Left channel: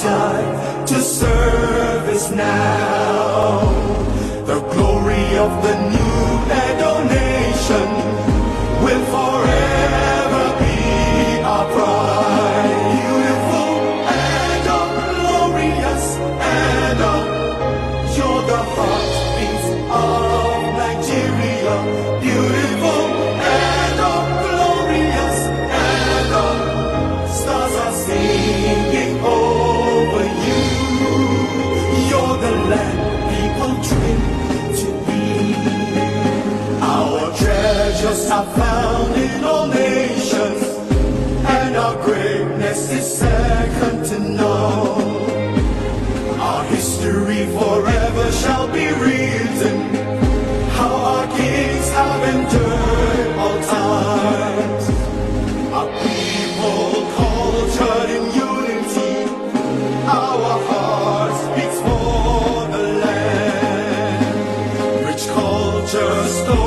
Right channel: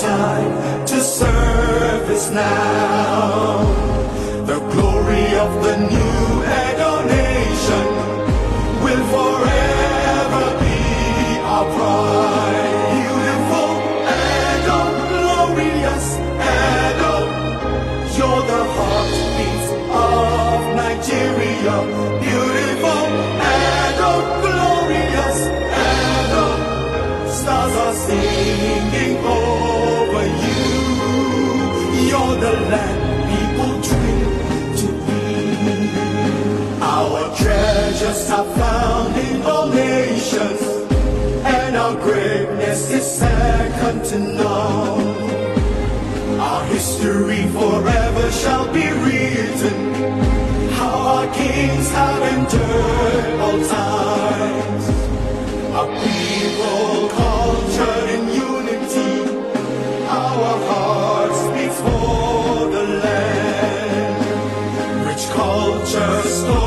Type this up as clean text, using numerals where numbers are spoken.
time to service now. The glory of the new Edo nation will forever be our pride. Beautiful Edo, glorious Edo, you're the heartbeat of Nigeria. Beautiful Edo, glorious Edo, stars are singing over you. You're the land people dream to be. Our treasures are found in all nations, and our greatness is second to none. Our history forever shall be written, how our kings have endured all times. Our people cultured in unity, our hearts beats for the land. Rich culture story